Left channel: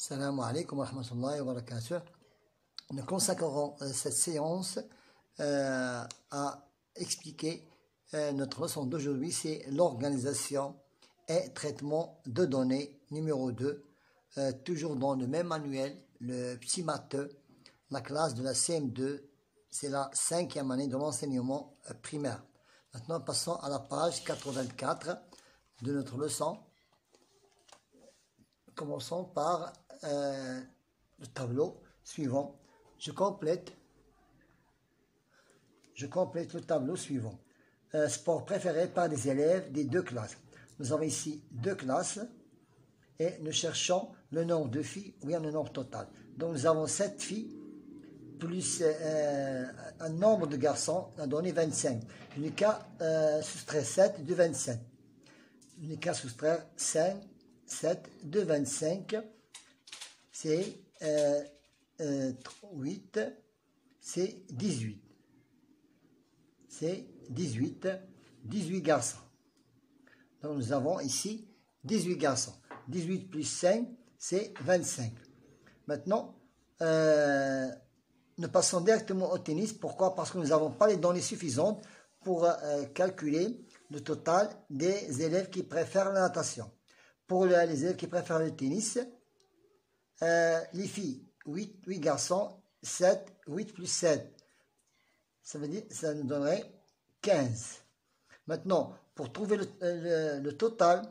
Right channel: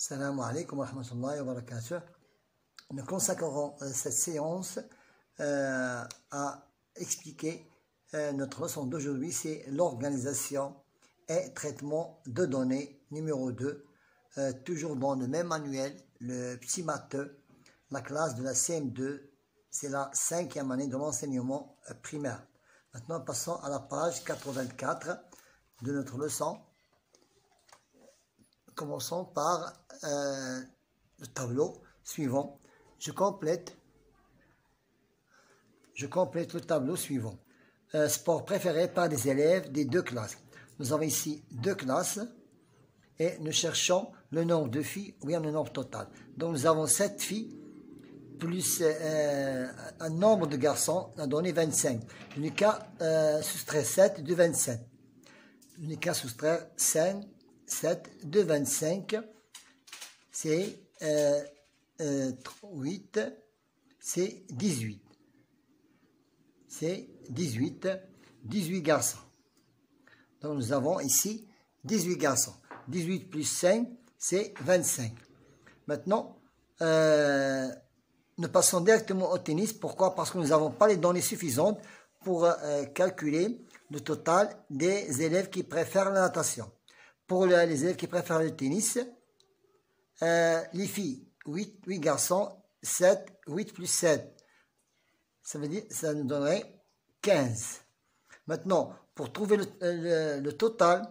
Salam alaikum wa rahmatullahi wa barakatuh. Nous consacrerons cette séance à expliquer notre leçon d'aujourd'hui, c'est l'organisation et traitement de données numéro 2, toujours dans le même manuel, le petit matheux, la classe de la CM2, c'est la 5e année de l'enseignement primaire. Maintenant, passons à la page 84 de notre leçon. Commençons par le tableau suivant. Je complète le tableau suivant. Sport préféré par des élèves des deux classes. Nous avons ici deux classes et nous cherchons le nombre de filles ou bien le nombre total. Donc nous avons 7 filles plus un nombre de garçons a donné 25. Je n'ai qu'à soustraire 7 de 27. Je n'ai qu'à soustraire 7 de 25. C'est 8, c'est 18. C'est 18 garçons. Donc nous avons ici 18 garçons. 18 plus 5, c'est 25. Maintenant, nous passons directement au tennis. Pourquoi? Parce que nous n'avons pas les données suffisantes pour calculer le total des élèves qui préfèrent la natation. Pour les élèves qui préfèrent le tennis, les filles, 8 garçons, 8 plus 7. Ça veut dire, ça nous donnerait 15. Maintenant, pour trouver le total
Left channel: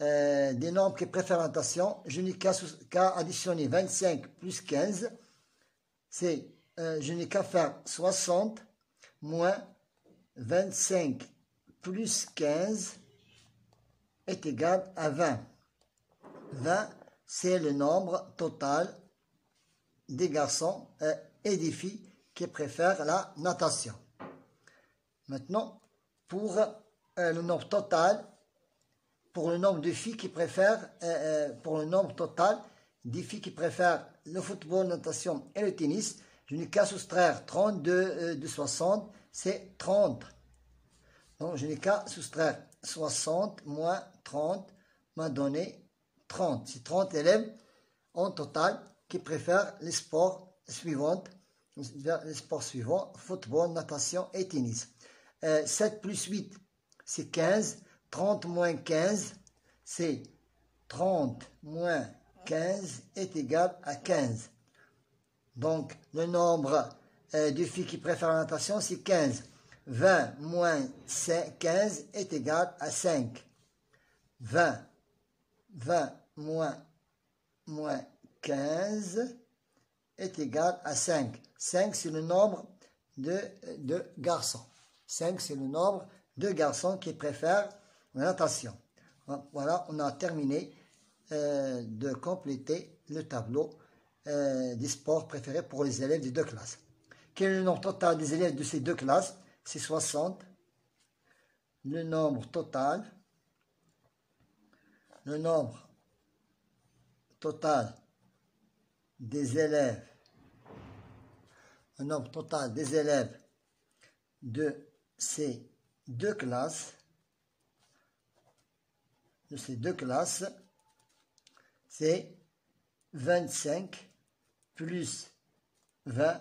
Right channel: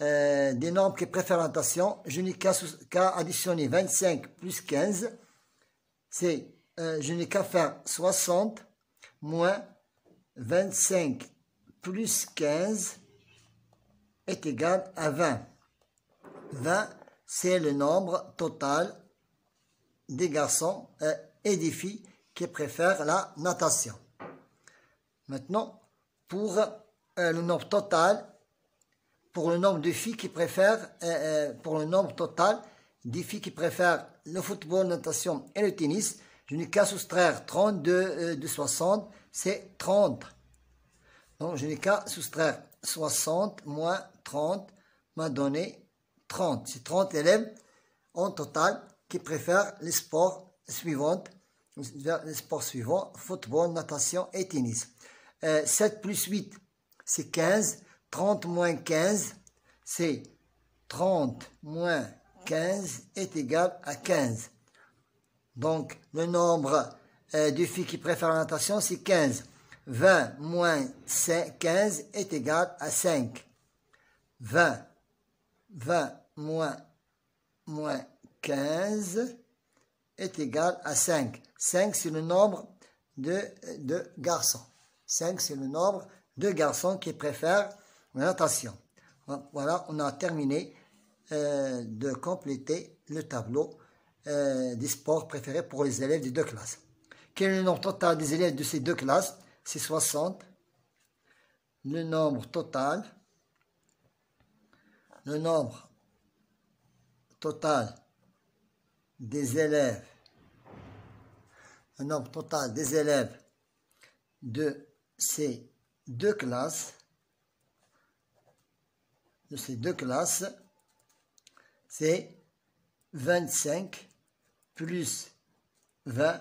des nombres qui préfèrent la natation, je n'ai qu'à additionner 25 plus 15. Je n'ai qu'à faire 60 moins 25 plus 15 est égal à 20. 20, c'est le nombre total des garçons et des filles qui préfèrent la natation. Maintenant, pour le nombre total, pour le nombre de filles qui préfèrent, pour le nombre total des filles qui préfèrent le football, la natation et le tennis, je n'ai qu'à soustraire 32 de 60, c'est 30. Donc, je n'ai qu'à soustraire 60 moins 30 m'a donné 30. C'est 30 élèves en total qui préfèrent les sports suivants, football, natation et tennis. 7 plus 8, c'est 15. 30 moins 15, c'est 30 moins 15 est égal à 15. Donc, le nombre de filles qui préfèrent la natation, c'est 15. 20 moins 15 est égal à 5. 20 moins 15 est égal à 5. 5, c'est le nombre de garçons. 5, c'est le nombre de garçons qui préfèrent la natation. Voilà, on a terminé de compléter le tableau des sports préférés pour les élèves des deux classes. Quel est le nombre total des élèves de ces deux classes? C'est 60. Le nombre total des élèves, de ces deux classes, c'est 25 plus 20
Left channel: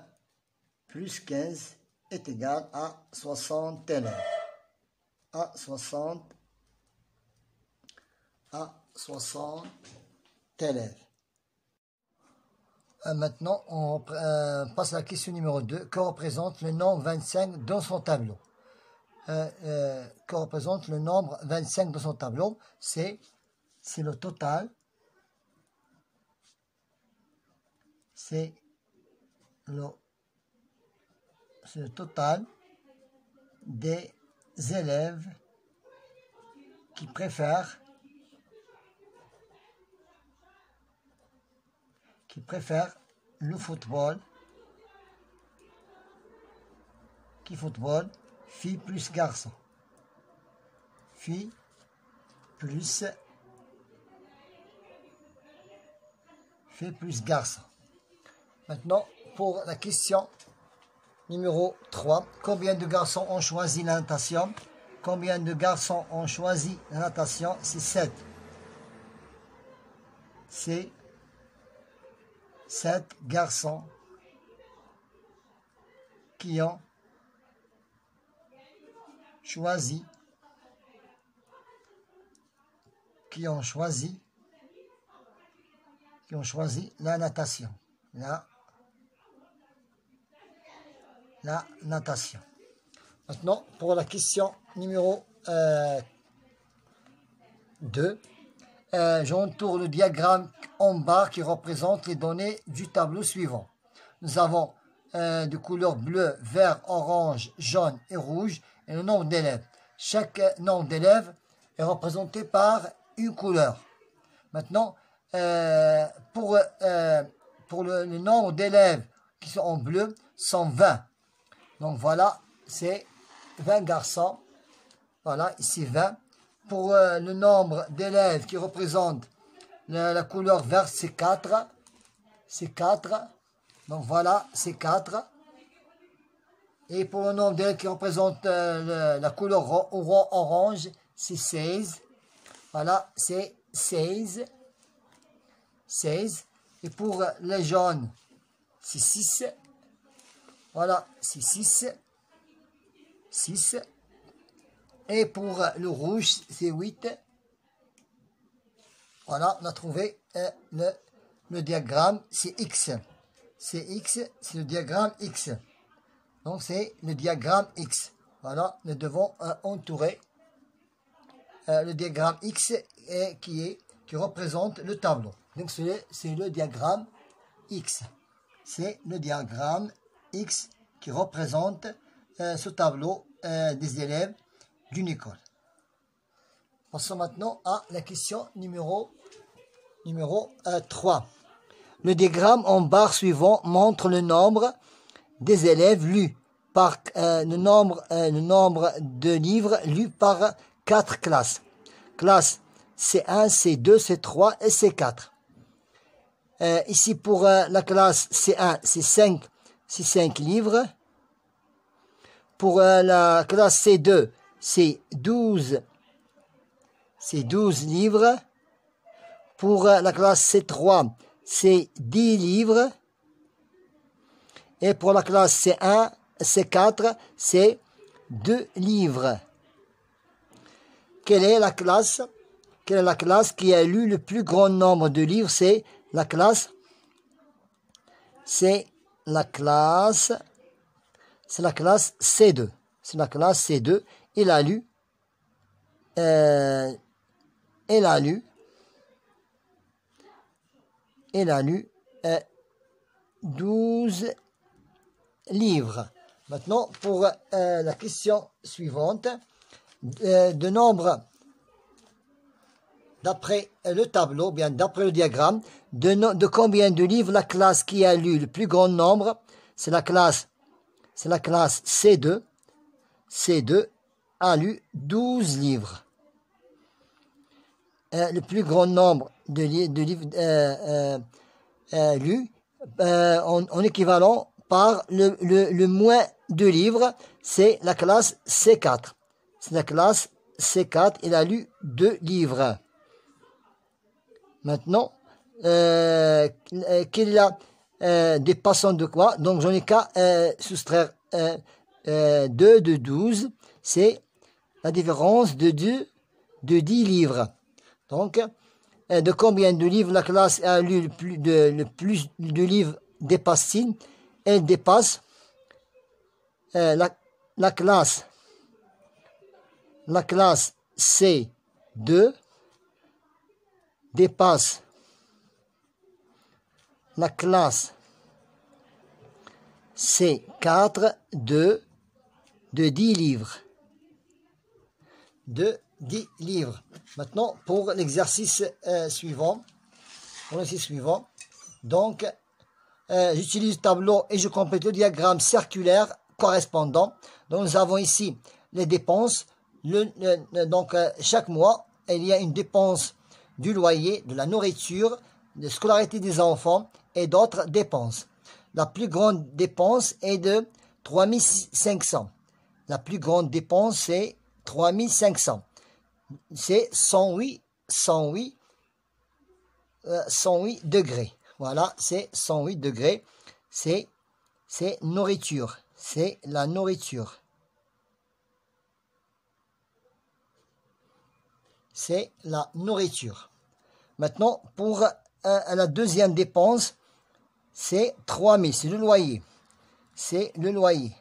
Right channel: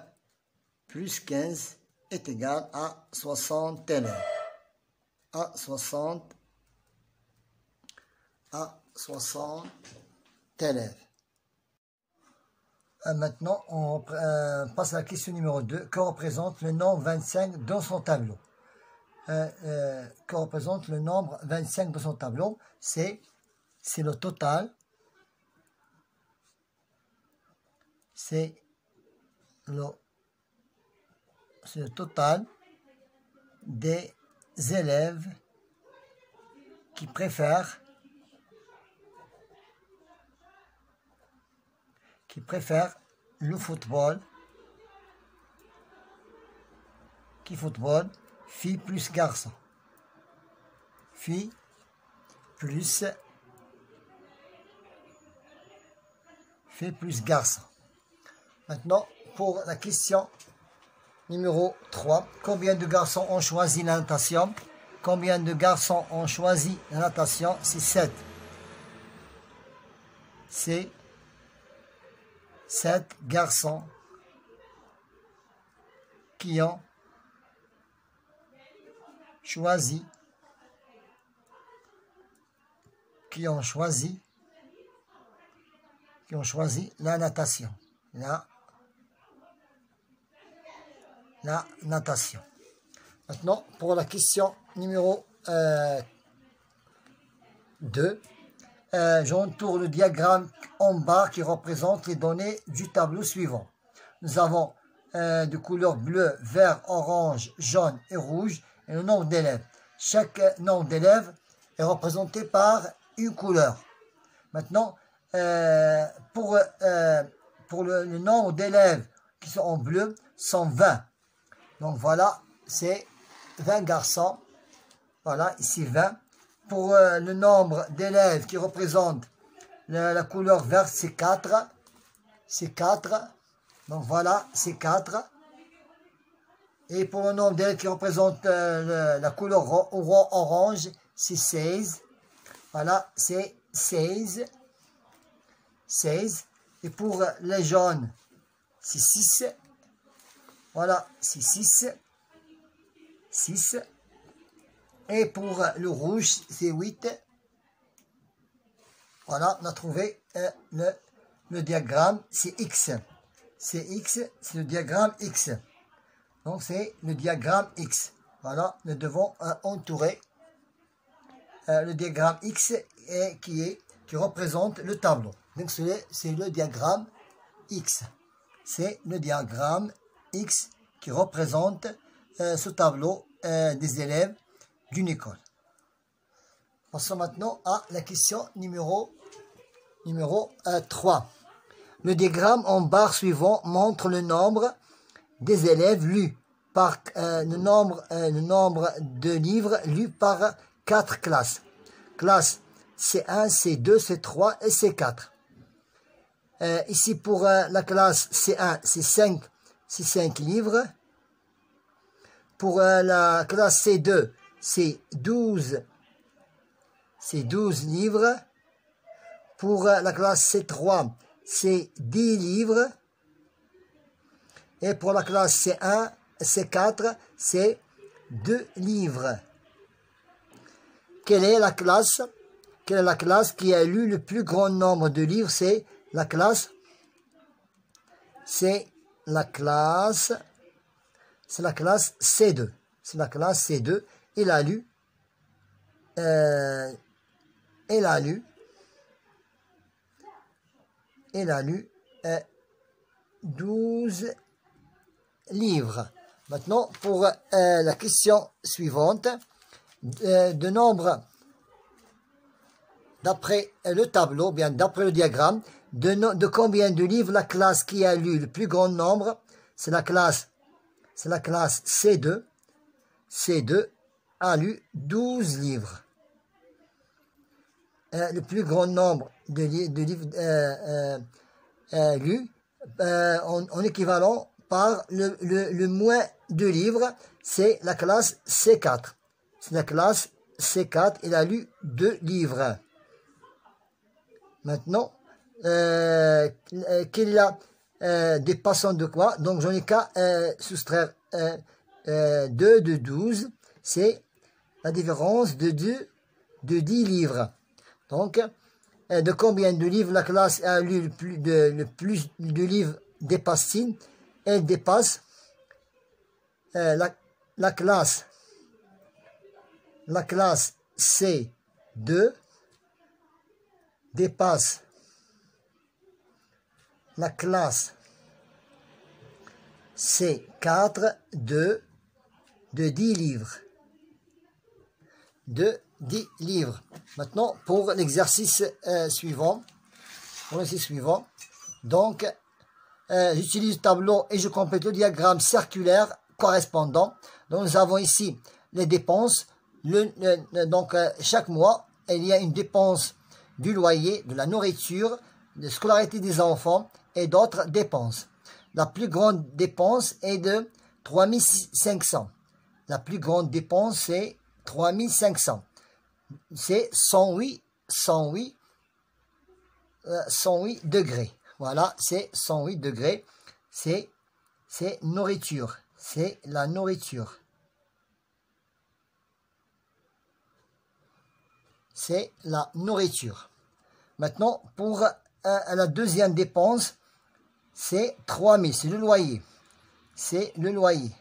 plus 15 est égal à 60 élèves. À 60 élèves. Maintenant, on passe à la question numéro 2. Que représente le nombre 25 dans son tableau? Que représente le nombre 25 dans son tableau? C'est le total. C'est le total des élèves qui préfèrent le football, filles plus garçons, filles plus garçons. Maintenant, pour la question numéro 3, combien de garçons ont choisi la natation? Combien de garçons ont choisi la natation? C'est 7. C'est 7 garçons qui ont choisi la natation. La natation. Maintenant, pour la question numéro 2, j'entoure le diagramme en bas qui représente les données du tableau suivant. Nous avons de couleurs bleu, vert, orange, jaune et rouge et le nombre d'élèves. Chaque nombre d'élèves est représenté par une couleur. Maintenant, pour le nombre d'élèves qui sont en bleu, sont 20. Donc voilà, c'est 20 garçons. Voilà, ici 20. Pour le nombre d'élèves qui représentent la couleur verte, c'est 4. C'est 4. Donc voilà, c'est 4. Et pour le nombre d'élèves qui représentent la couleur orange, c'est 16. Voilà, c'est 16. 16. Et pour les jaunes, c'est 6. Voilà, c'est 6. 6. Et pour le rouge, c'est 8. Voilà, on a trouvé le diagramme, c'est X. C'est X, c'est le diagramme X. Donc, c'est le diagramme X. Voilà, nous devons entourer le diagramme X qui représente le tableau. Donc, c'est le diagramme X. C'est le diagramme X qui représente ce tableau des élèves d'une école. Passons maintenant à la question numéro 3. Le diagramme en barre suivant montre le nombre des élèves lus par le nombre de livres lus par 4 classes. Classe C1, C2, C3 et C4. Ici pour la classe C1, c'est 5 livres. Pour la classe C2, c'est 12 livres. Pour la classe C3, c'est 10 livres. Et pour la classe C1, C4, c'est 2 livres. Quelle est la classe qui a lu le plus grand nombre de livres? C'est la classe C2. C'est la classe C2. Il a lu 12 livres. Maintenant, pour la question suivante, de nombre, d'après le tableau, bien d'après le diagramme, de combien de livres la classe qui a lu le plus grand nombre, c'est la classe C2. C2 a lu 12 livres. Le plus grand nombre de livres lus en équivalent par le moins de livres, c'est la classe C4. C'est la classe C4, il a lu 2 livres. Maintenant, qu'il a dépassant de quoi? Donc, j'en ai qu'à soustraire 2 de 12. C'est la différence de 10 livres. Donc, de combien de livres la classe a lu le plus de livres dépasse-t-il? Elle dépasse la classe C2 dépasse la classe C4 de 10 livres. De 10 livres. Maintenant, pour l'exercice suivant. Donc, j'utilise le tableau et je complète le diagramme circulaire correspondant. Donc, nous avons ici les dépenses. Donc, chaque mois, il y a une dépense du loyer, de la nourriture, de scolarité des enfants et d'autres dépenses. La plus grande dépense est de 3500. La plus grande dépense, c'est 3500. C'est 108 degrés. Voilà, c'est 108 degrés. C'est nourriture. C'est la nourriture. C'est la nourriture. Maintenant, pour la deuxième dépense, c'est 3000, c'est le loyer. C'est le loyer.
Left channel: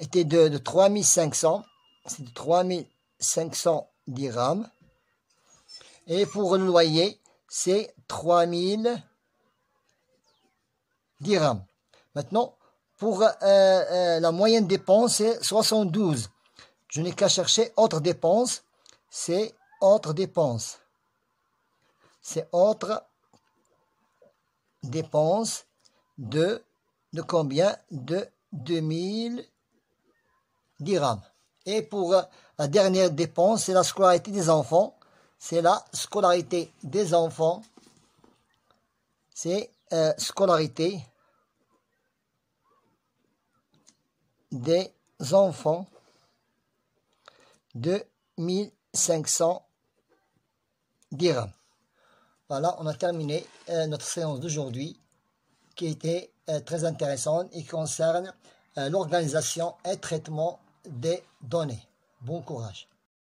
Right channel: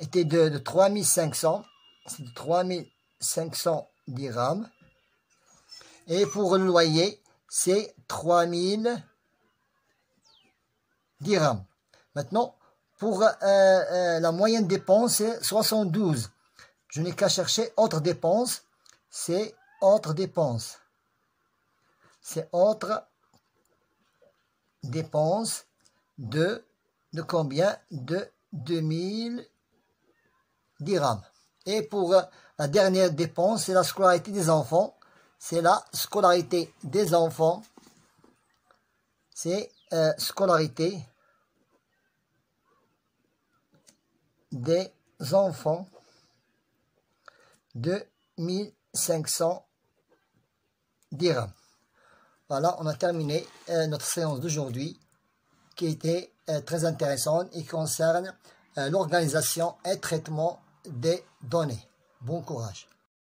Était de 3500, c'est de 3500 dirhams. Et pour le loyer, c'est 3000 dirhams. Maintenant, pour la moyenne dépense, c'est 72. Je n'ai qu'à chercher autre dépense. C'est autre dépense. C'est autre dépense de combien? De 2000 dirhams. Et pour la dernière dépense, c'est la scolarité des enfants. C'est la scolarité des enfants. C'est scolarité des enfants de 1500 dirhams. Voilà, on a terminé notre séance d'aujourd'hui qui était très intéressante et qui concerne l'organisation et traitement des données. Bon courage.